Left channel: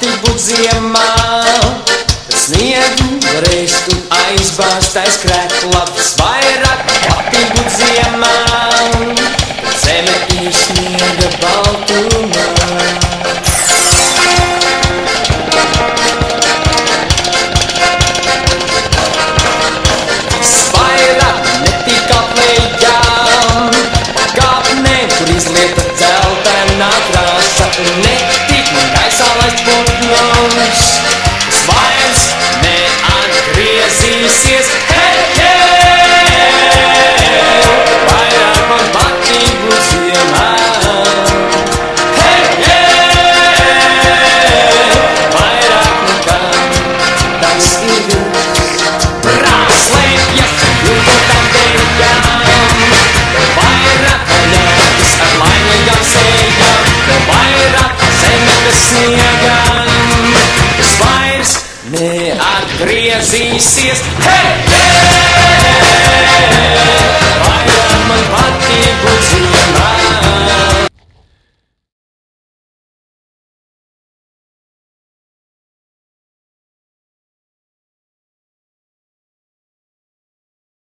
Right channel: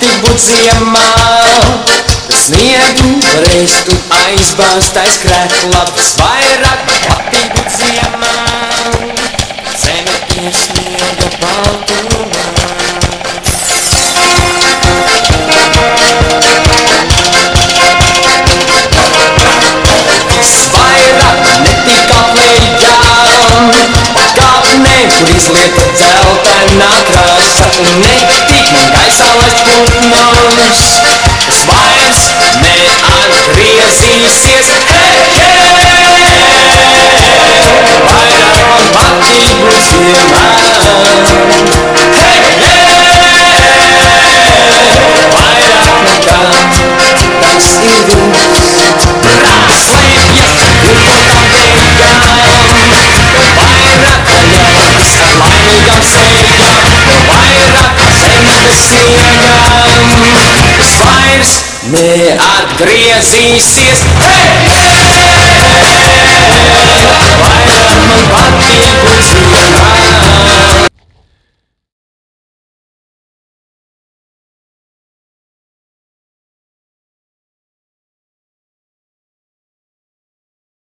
patīk būt ziemā. Sniegu varēs tu aizbāzt aiz krēkla. Visvairāk patīk būt ziemā. Zeme ir sniega baltumā. Visvairāk netīk aplējām. Kāpnē, kur izlieta dzeltenā krāsa. Un netīk man gaisā laist putnus. Tas vairs neatgriezīsies. Hei, hei! Vairāk man patīk būt ziemā. Hei, hei! Vairāk nekā tas ir viss. Slēpjas vilkotām beigām. Vairāk paļautas ar laimīgām sejām. Vairāk zemes sniegām. Tas vairs neatgriezīsies. Hei, hei! Vairāk man patīk būt ziemā.